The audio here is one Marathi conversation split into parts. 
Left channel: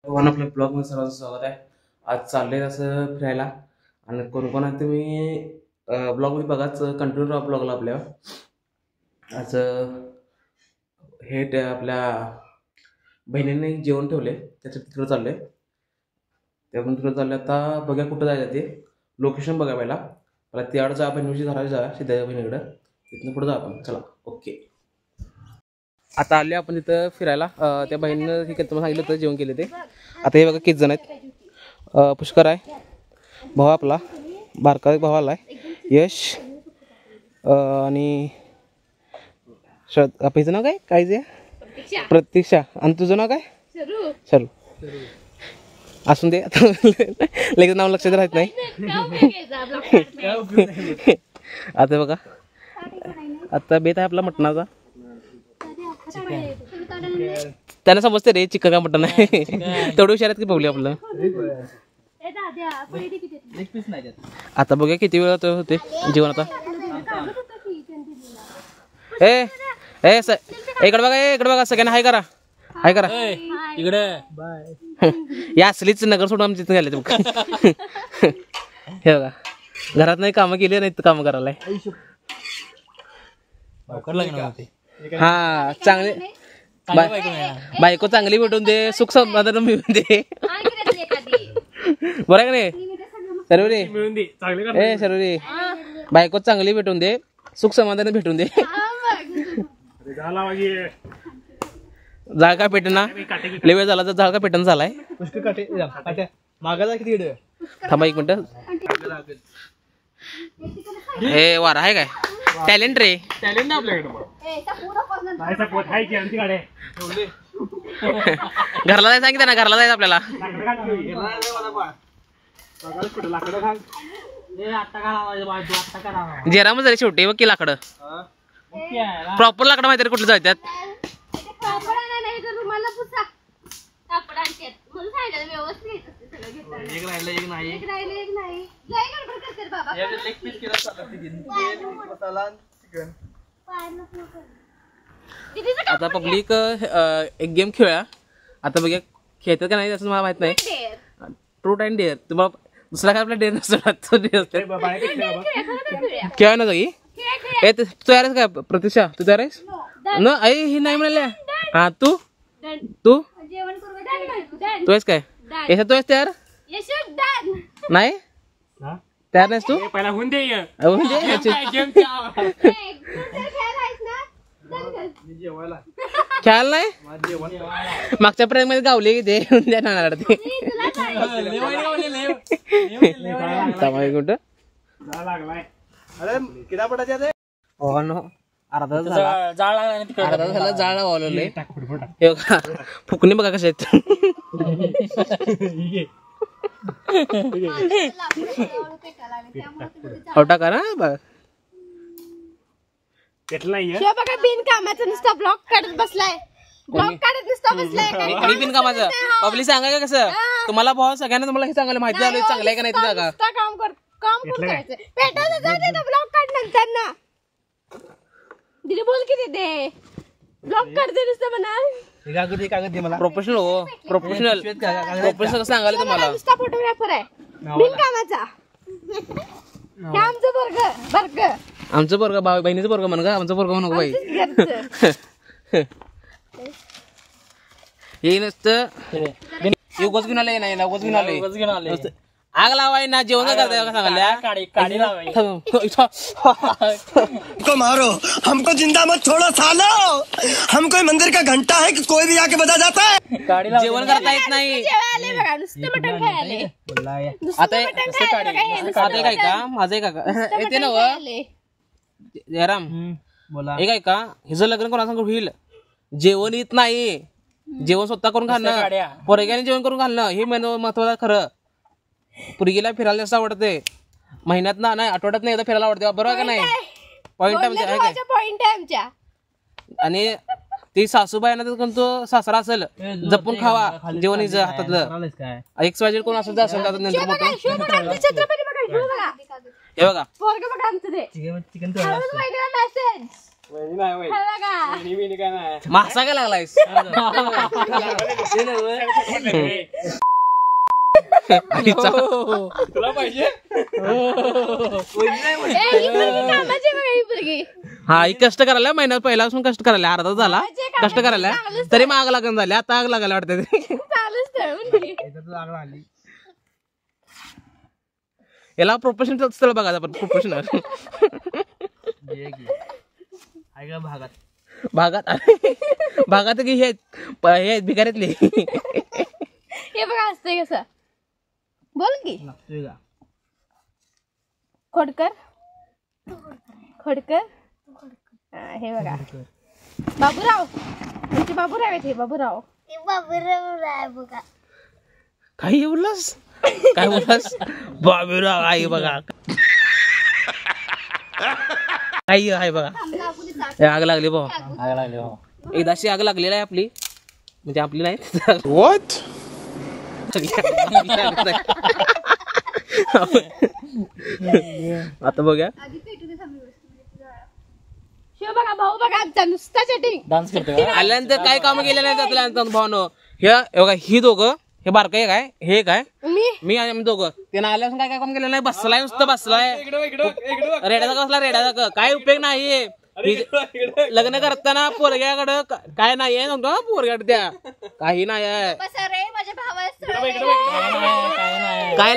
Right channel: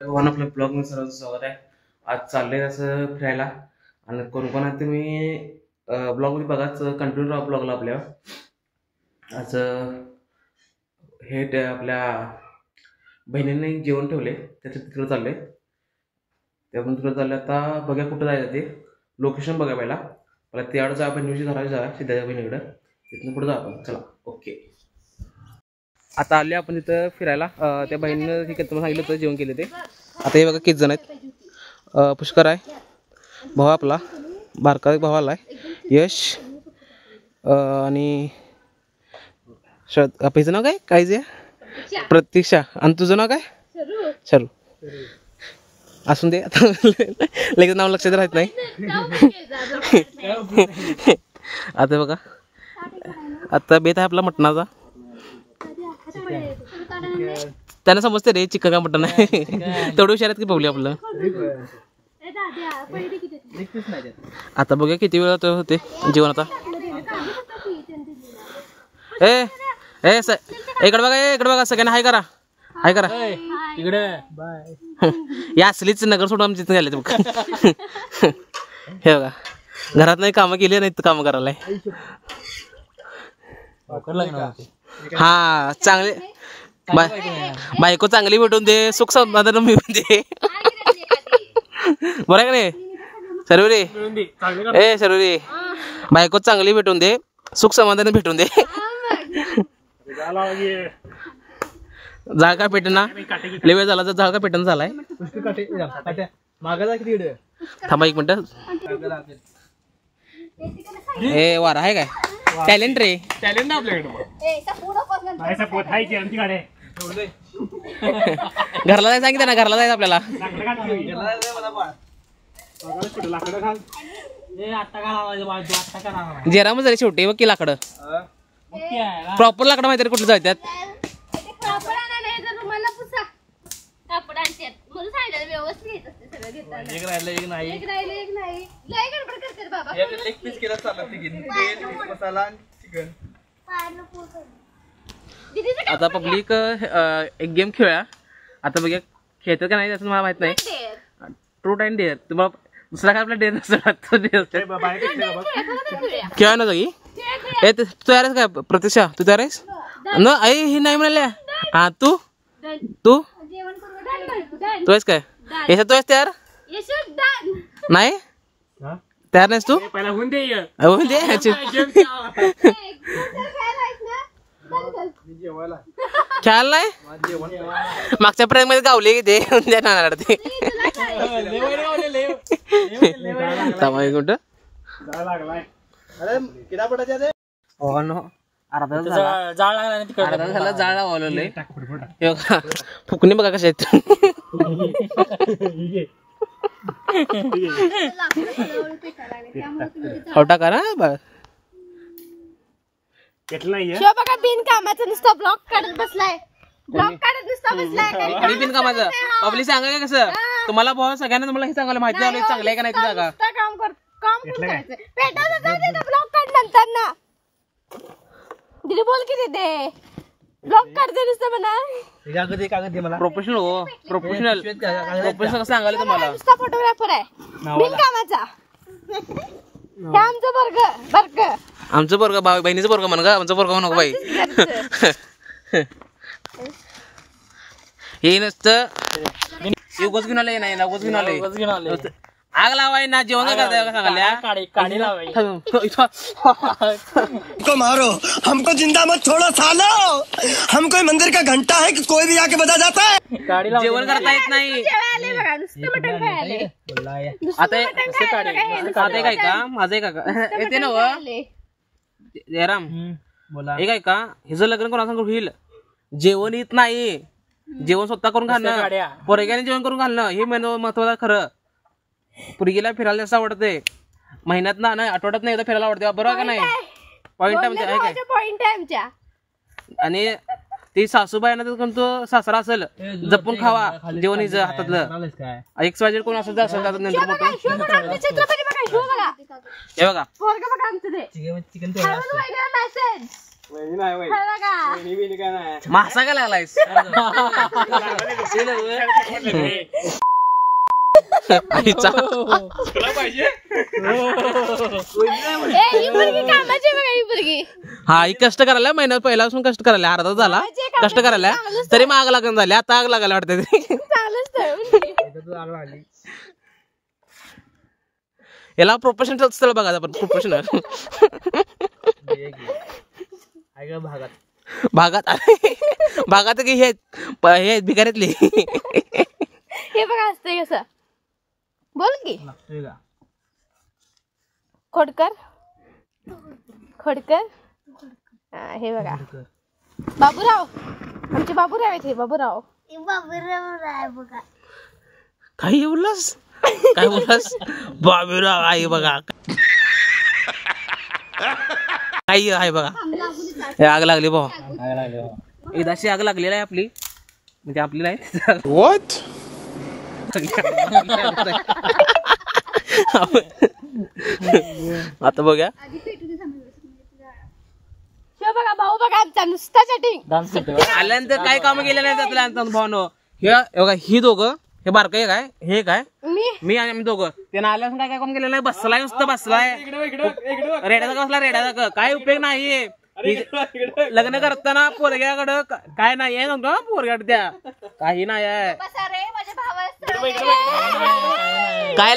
भगवान आपल्या ब्लॉगमध्ये सर्वांचं स्वागत आहे. आज चाललंय असं फिरायला आणि कोण कोण आहे तुम्ही ब्लॉगमध्ये बघाच, कंटिन्यू राहा ब्लॉगला आपल्या. आज हे ते आपल्या बहिणीने एक जेवण ठेवले, त्याचं तिकडं चाललंय. त्यातून तिकडं चाललं. आता बघा कुठं जायचं ते लोकेशन बघा. मला त्याकडं जा, बहिणीची घराला जा, सिद्धाच्या बहिणीकडं. तिथून पुढं जा आपण. चला ओके. आता आले आपण तिथं फिरायला. त्या बहिणीनं हे तुम्हाला सांगितलं होतं जेवण केले ते. आता हे बघा किती जण आहेत. पुष्कर आहे, भाऊ आपला बारका भाऊ आला आहे, यश आणि आपलं नाव काय जे प्रतीक्षा. आणि तुझं नाव काय? शरू. असून दे, आता लगेच नाव लक्षात राहत नाही. आता बघा, आता बेत आहे आपला मटणाचा. त्यांना समजते रे चिकन का मटण आहे. तेवढं हुशार आहेत की पावली आपलं. आता बघूया किती वेळ होते जेवण. आता इकडे बघा सगळ्यांना हाय करा इकडे. या असलीच नगर सोडून आमच्या तिथे गेले. हे बघा, घरात नाही कामं केली नाही, कामं करायला. हा चांगले बायको चांगली भेटून दे, सुख समाधान मिळून दे. बरं का नाही शर्वरी? बायको चांगली भेटून दे, सुख समाधान भेटून दे. जाळ का पेटना लय वेळ झाला तर जाळ का पेटन झालाय. थांबा एक मिनिट. हे वारा आहे काय? टॅलेंट रे, टॅलेंट आपल्याकडे. घरला जायचं सांगितलं ना, घरला जायचं आपल्याला. जेराम जरी शेवटी बघ की लाकडं, प्रॉपर लाकडं माहिती कुठलं जायच्यात. आता पब्लिक एक गेम खेळूया. आता बघा खेळतात का नाही असं मला माहित नाही. Truth and dare. तुम्हाला दुसरा काय आपला डेअर नसतो. खेळा ना जागी. तू तयार आहेस काय प्रतीक्षा? तू तयार आहेस न? आई हे नाही म्हणाल्या. हा तू तू तू आहेस काय? यशा तू आहेस तयार? नाही तयार नाहीस तू? पहिला होऊन दे. खेळायला नाही. मागच्या प्रेम मध्ये गावले ते नाणार ते. अर्धा झाला जाळ लावलेलं. फुकणी बघा कशा आहेत. टाका ना बघा. बिनकामाचं नुसतं ब्लॉक काढत बसलाय. बिनकामाचं पब्लिक सांगा का कसं? तुम्हाला भाऊ सगळ्यांना तुम्हाला हे सांगायला माहिती झालं चांगलं आहे का नाही ते जागा. बोल की ते ब्लॉक करते नुसतं म्हणा. प्रोफेशनल हो, प्रोफेशनल कसं सांगायला तुम्हाला. फोटोग्राफर आहे बिनकामाचा. आमचं बर्ग भाऊ बहिणीचं बर्ग म्हण का, आमचं बर्ग म्हणू बाई. हे नसतं उगच घेऊन आलंय. नाही उगच घेऊन आलंय. आग लावाय ना, जेवण करताय का सांगायला. मारो हमको जिंदा मत छोड़ो सालो. हम कोई मंदिर का घंटा है कि कोई भी आके बजा जाता है. जेवण करता येत नाही. आता काय का माझं का येते ना जयराम एक आहे का हिचं लग्न कोणा सांग होईल. जेवण येत नाही, जेवण स्वतः करून घालणं, पोरग्याने जेवण करून घालणं हे महत्वाचं. खरं पुरगीला फिरायला जास्त आवडते. महिन्यात ना नाही, आठवड्यात नाही एकदा फिरायला आवडते. बरोबर का नाही? पॉइंट आहे आमच्या. आणि ती सासूबाई ना तो सासरा असेल जपून खावा जेवण हिचं हातातलं. एक वाजेल कोण असेल तर असेल नंतर हे बघा मासा काय लागलायस हा ही कष्ट करायला महिन्यात पहिल्यापासून कष्ट करायला अर्धा झाला कष्ट करायला तरी मग आग लागून झाली आता आग लागायला वाटत याला प्रोफेशनल स्थळ बघा आपण प्रोफेशनल भागात भागात की हे भिकाऱ्यातले हे बघा असतंय कसं बोल की खोडकर खोडकर हे बघा बाबूराव आमचे बाबूराव आहेत हे बाबूराव बघा काही बोललास काय बोललास बाबूराव आहे बघा काही आहे बघा आग लागली भाऊ आग लागली भाऊ एकदाशी आग लागलेली आहे आपली म्हणजे आपली नाही What? आता बघा बघा भाऊ बघा आमचा नुसता सेटिंग आल्यानंतर काय काम केलं नाही त्यातल्या भावनो हे बघा ही दोघं हे बारकं एक आहे हे काय मी आणि आम्ही दोघं त्यानं आल्यापासून काय काय काम केलं नाही बसलाय नुसतं बसलाय रेड्याचा बसला रेड्याचा काय उपयोग नाही लग्न करताना पोरग्याकडं काय नाही आहे नव्हतं पोरग्याड त्या काही नाही आहे काय काय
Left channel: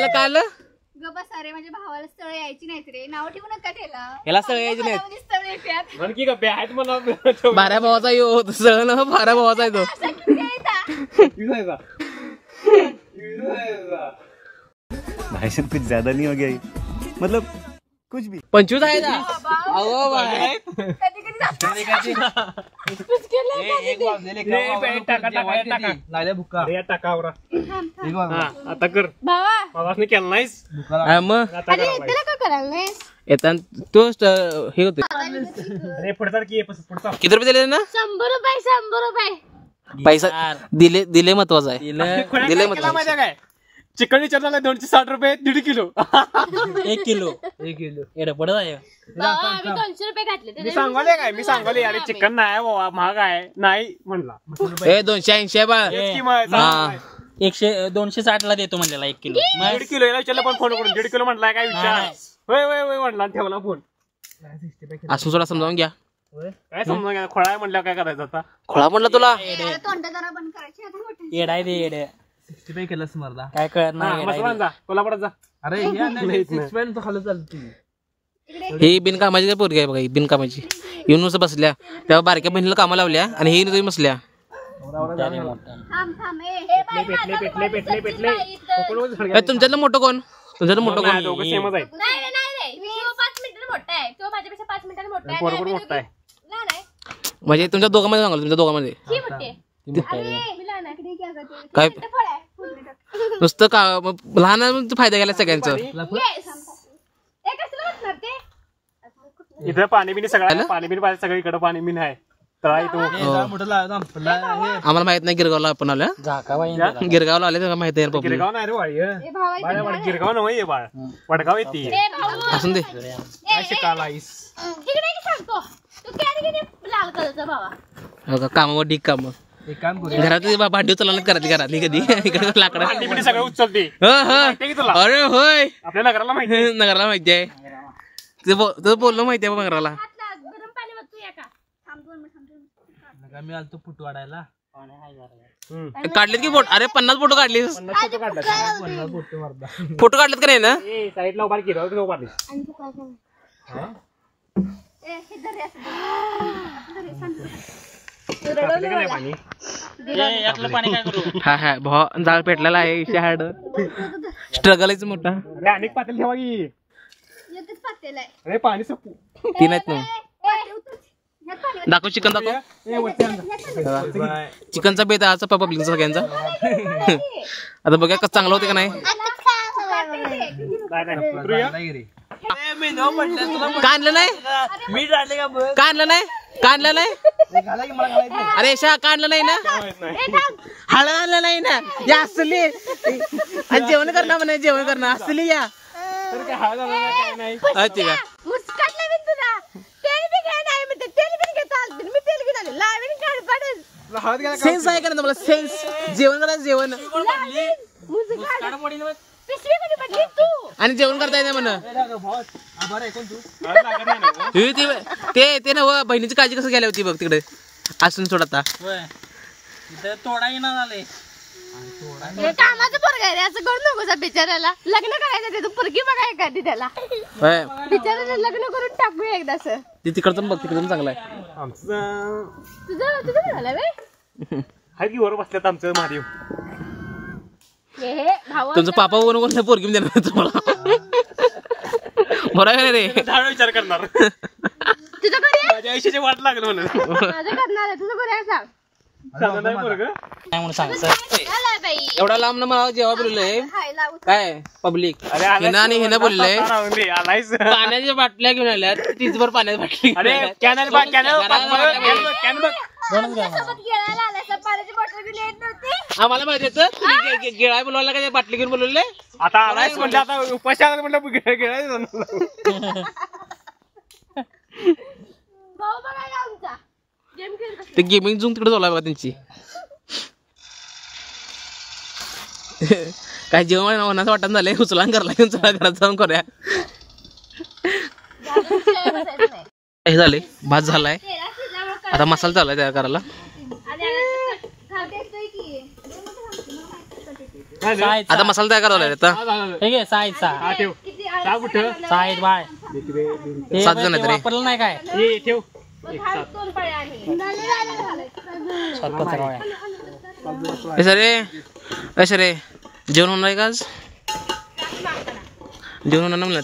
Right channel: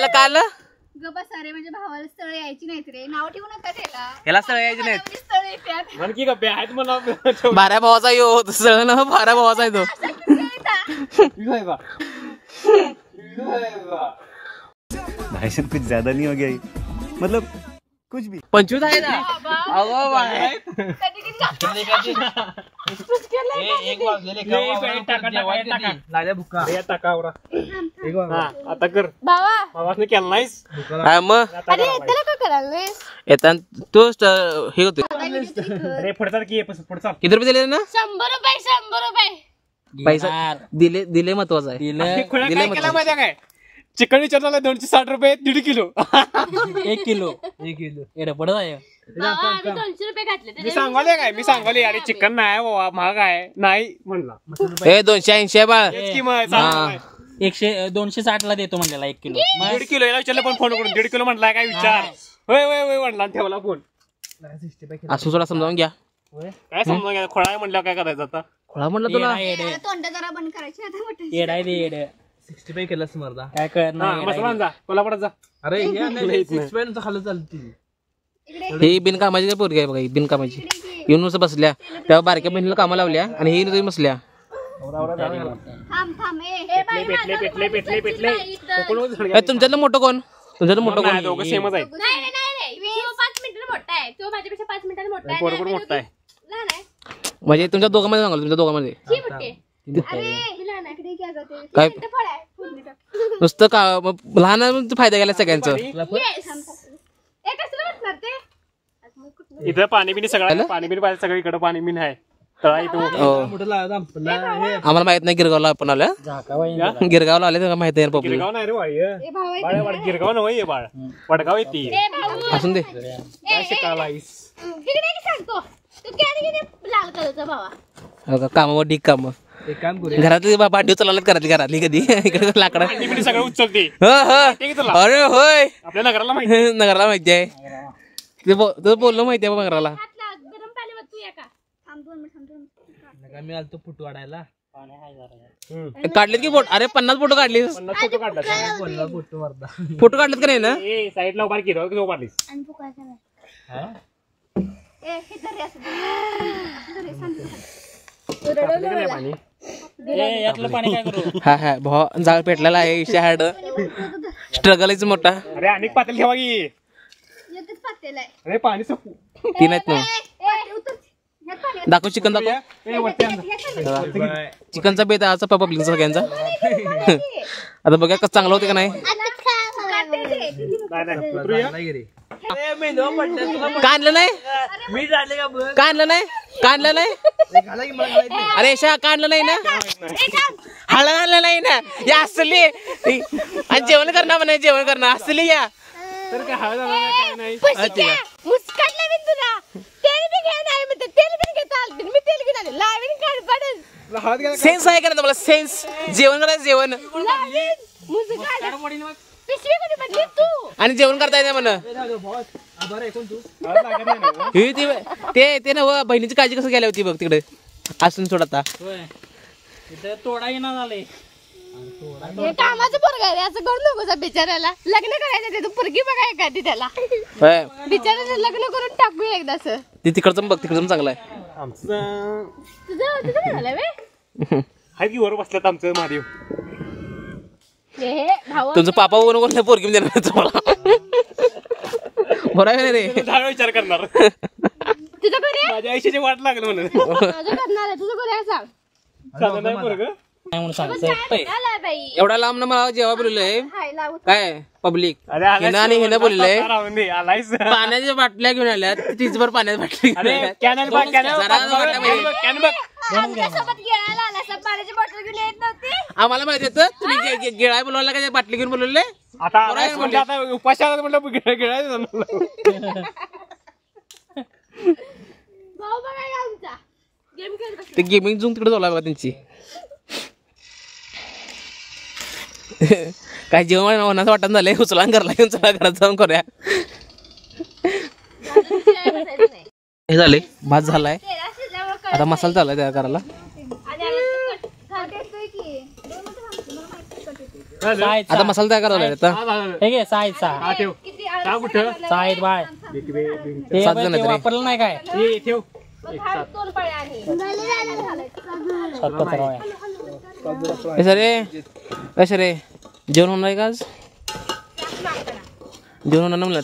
अरे माझ्या भावाला स्थळ यायची नाहीत रे नाव ठेवू नका त्याला ह्याला स्थळ यायची नाहीत स्थळ येतात बाऱ्या भावाचा यो स्थळ ना बाऱ्या भावाचा आहे तो भाई साहब कुछ ज्यादा नहीं हो गया ये? मतलब कुछ भी 25 आहे ना आता कर भावा केला नाहीस काय मग अरे त्याला काय करायला नाही येताना तो हे होते अरे पुढचा की पुढचा किती रुपये दिले ना 100 रुपये पैसा दिले महत्वाचं आहे दिले महत्वाचं काय चिकन विचारला 260 रुपये 1.5 किलो 1 किलो एवढं पडत आहे आम्ही 200 रुपये घातले मी सांगले अरे चिकन नाही बाबा महाग आहे नाही म्हणला हे 280 आहे बा किंमत हा 260 ला देतो म्हणलेला 1 किलो 1.5 किलो याला विचारलं पण फोन करून 1.5 किलो म्हटलाय काय विचार होय होय होय म्हटला ठेवला फोन असं सोडा समजावून घ्या काय समजा घ्या खोळा म्हणलं काय करायचं आता खोळा म्हणलं तुला तोंड जरा बंद करायची आता मोठं येडा आहे रे येडे 65 केलंस मर्दा काय करणार मसलान जा कोल्हापुरात जा अरे हे नाही 65 खाली चालती ही बिनकामाची पोरगी आहे बघा ही बिनकामाची येऊन नुसतं बसल्या तेव्हा बारक्या बहिणीला कामाला लावल्या आणि ही तुम्ही बसल्या थांब ए बाई पेटले तुमच्यातलं मोठं कोण तुमच्यातलं मोठं कोण दोघं सेमच आहेत नाही तो 5 मिनिटांनी मोठा आहे तो माझ्यापेक्षा 5 मिनिटांनी मोठा आहे बरोबर मोठा आहे लहान आहे म्हणजे तुमच्या दोघांमध्ये सांगाल तुमच्या दोघांमध्ये ही मोठी आहे अरे मी लहान आहे इकडे घ्या जाते काय फळ आहे नुसतं का लहान फायदा घ्यायला सगळ्यांचं येस ए कसलं वाटणार ते इथे पाणी बिनी सगळं पाणी बिनी पाहिजे सगळं इकडं पाणी बिनी आहे तळा इथं आम्हाला माहित नाही गिरगावला आपण आल्या गिरगावला आले त्यांना माहित आहे पब्लिक गिरगाव नाही रे वाळी ए भावा गिरगाव नव्हे बाळ वडगाव येते ए भाऊ असून दे काय शिकालायस तिकडे की सांगतो तू कॅरी किती लाल कलरचा भावा कामावर ढीक काम एक काम करू घरातली भांडी चालत घरातली कधी इकडे लाकडं पाणी बिनी सगळं उचलते अरे होय आपल्या नगराला माहिती नगराला माहिती आहे ते बोलणं माहिती आहे नगराला गरम पाणी वतू या का थांब 2 मिनिट मी आलतो पुट वाढायला काढलेत की फोटो अरे 50 फोटो काढले फोटो मर्दा फोटो काढलेत का नाही ना साईडला उभार की रोज उभारली आणि तू काय करणार ए हे दरे यातलं पाणी काय करू हा हा भाऊ जाळ पेटलेला आहे हार्ड स्ट्रगलच मोठा अरे अनेक पातेल ठेवा की एकच पातेल आहे अरे पाणी सपू तीन आहेत ना ए उतर ह्यात पाणी दाखव चिकन दाखव चिकनचा बेत आहे आजचा पब्लिक सगळ्यांचा आता बघा कसं चांगलं होतं का नाही काढलं नाही काढलं नाही काढलं नाही अरे शा काढलं नाही ना हळद नाही ना या असली आणि जेवण करणार म्हणे जेवण करणार असली या तर काय हळद काय नाही ठीक आहे मुस्काटले मी तुला ते घ्या नाही म्हणते तेल पण घेता आलं मी तेल घेऊन आले लावीन कडपडच सेन्स आहे का नाही तुम्हाला सेन्स जेवण करायचं जेवण पिशवी कोणी बघली तू आणि जेवण करता येते म्हण ते ना बहिणीची काळजी कसं गेली होती बघ तिकडे असून सोड आता इथं तोडा येणार झाले हे कामाचं पोरग आहे रे, असं करू नको जा बिचाऱ्याला लग्न करायचं ते तू पोरगी बघाय कधी त्याला होय बिचाऱ्याला लग्न करून टाकूया एकदाच ते तिकडचं बघ तिकडचं चांगलं आहे आमचं तुझं काय झालं बे आहे की वर बसल्यात आमचं महादेव. हे भाऊ तुमचं पापा वगैरे कोण पोरगी देणार तुम्हाला बरं आहे रे दहा विचार करणार तुझं घरी आहे? माझ्या आयुष्याची वाट लागलं म्हणून माझं करणार आहे तुझं घरी आहे सांग चालत नाही पोरगं. काय म्हणून सांग आलाय बाई एवढा लांब ना मला जेव्हा बोललोय हाय लावू काय पब्लिक अरे आलायस आणि तू, हिनं बोललंय आता राहुली, आलायस. पाण्याच्या बाटल्या घेऊन आल्यात तीचभर पाण्याच्या बाटली घेऊन अरे आल्यात. कॅनल बघ, कॅनल जरा बघ, वाटलं कॅनल पाहिजे. बघ, कॅनल बघ. आमच्यासोबत गिळायला आला असं पाण्याची बॉटल घेऊन येत नव्हती आम्हाला माहिती येतं तुम्ही गिळाय बोलवला का बाटली घेऊन बोलवले आता आलायस म्हणजे आता उपाशी आला म्हटलं गिळायचं जमलं. भाऊ बघायला आमचा गेम खेळत बसला. ते गेमिंग झूम तिकडे चालू बघा त्यांची काय जेवण होण्याचं वाटत झालंय उचला घरला घेऊन चला घरात जाऊन करूया अजून खेळत बसायचं नाही. हे झाले भात झालाय तेरा शिजल्यावर कळलं. आता मसाला चाललाय तयार करायला आणि आम्ही कट देतोय की. दोन मिनिटं थांबतो, मला माहिती कट येतोय. साईड आता मसाला तयार करायला आता हा, झालं. हे घे साईड साईड हा, ठेव. किती का कुठं साईड बाय ते 7 जण आहेत रे. वापरलं नाही काय ये ठेव. दोन पळ्या आणि झालं. हे सर रे जेवण होणार आहे का आज जेवण होणार ना म्हणलं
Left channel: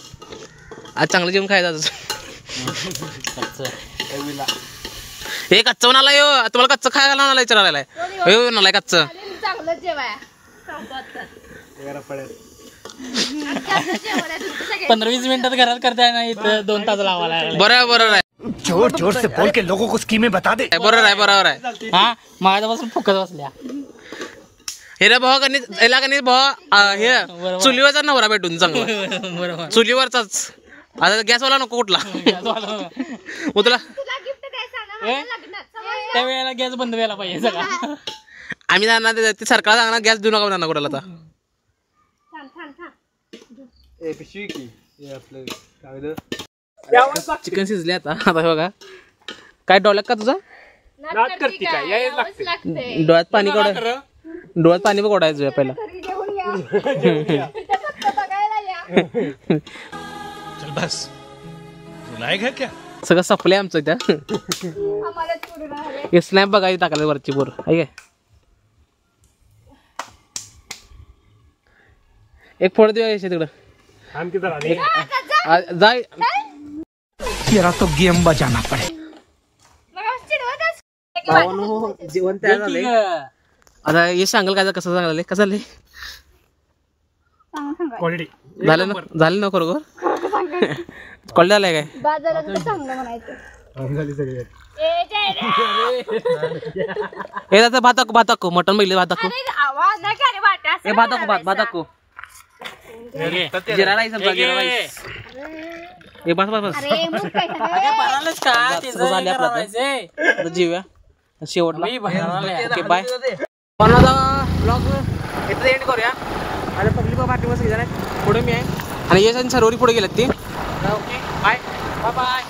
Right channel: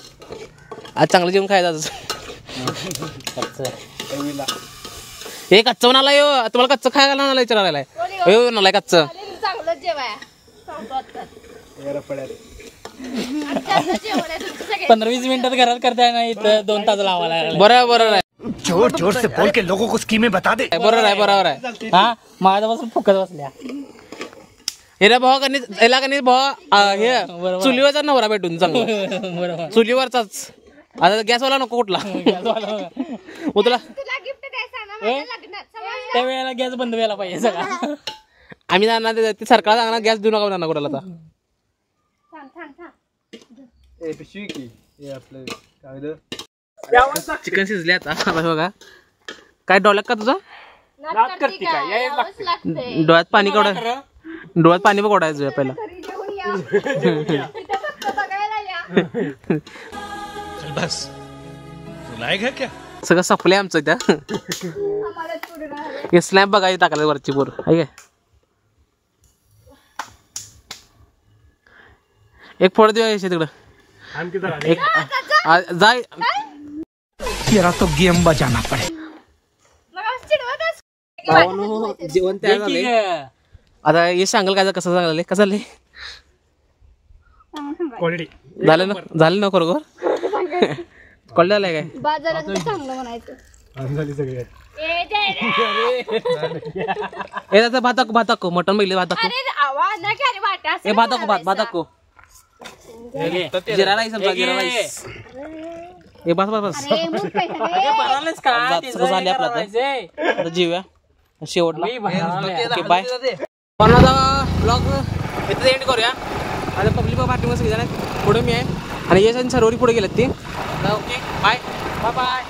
आज चांगलं जेवण खायचं आज हे कच्चं म्हणाला यो तुम्हाला कच्चं खायला म्हणाला विचारायला यो म्हणालाय कच्चं चांगलं जेवाय सांगतो आता. चांगलं जेवण आहे तुमचं सगळे. 15-20 मिनिटात घरात करताय ना इथं 2 तास लावायला लागले. बरोबर आहे जोर जोर से बोल के लोगों को स्कीमें बता दे. बरोबर आहे हा माझ्यापासून फुकत बसल्या हे रे भाऊ याला कधी भाऊ हे चुलीवरचा नवरा भेटून चांगला बरोबर चुलीवरचाच आता गॅसवाला नको कुठला मग तुला तुला गिफ्ट काय सांगा माझ्या लग्नात समजलं? त्या वेळेला गॅस बंद व्हायला पाहिजे सगळा आम्ही जाणार ते सरकारला सांगणार गॅस देऊ नका त्यांना कुठला आता थांब. चिकन शिजले आता बघा काय डोळ्यात का तुझा नाट करते काय? यावंच लागतंय. डोळ्यात पाणी डोळ्यात पाणी बघ ओढायचं पहिला घरी घेऊन या. इथं फक्त बघायला या. चल बस रुलाएगा क्या. सगळं सपलंय आमचं इथं आम्हाला पूर्ण हवे. हे स्नॅप बघायची टाकायला वरची बोर आहे काय एक फोड देऊ तिकडं थांब की जरा. जाय तेरा तो गेम बजाना पड़े. बघा, चिडवतच. भावानो जेवण तयार झालंय आता हे सांगाल काय कसं झालंय कसं झालंय क्वालिटी. झालं ना खरोखर कळलं झालंय काय बाजारात चांगलं म्हणायचं. ए, जय रे. हे त्याचं भात मटन बैल भात अरे आवाज ना काय रे वाटा असं हे भात म्हणायचं. भात जिरा राईस जिरा राईस हे बस बस बस अरे, मग काय झालं? सगळं झाले आपलं आता जीव्या शेवटला ओके बाय ब्लॉग इथं एंड करूया आता पब्लिक पार्टी मध्ये सगळेजण आहेत पुढे मी आहे आणि यश आणि सर्वरी पुढे गेलेत ती ओके बाय बाय बाय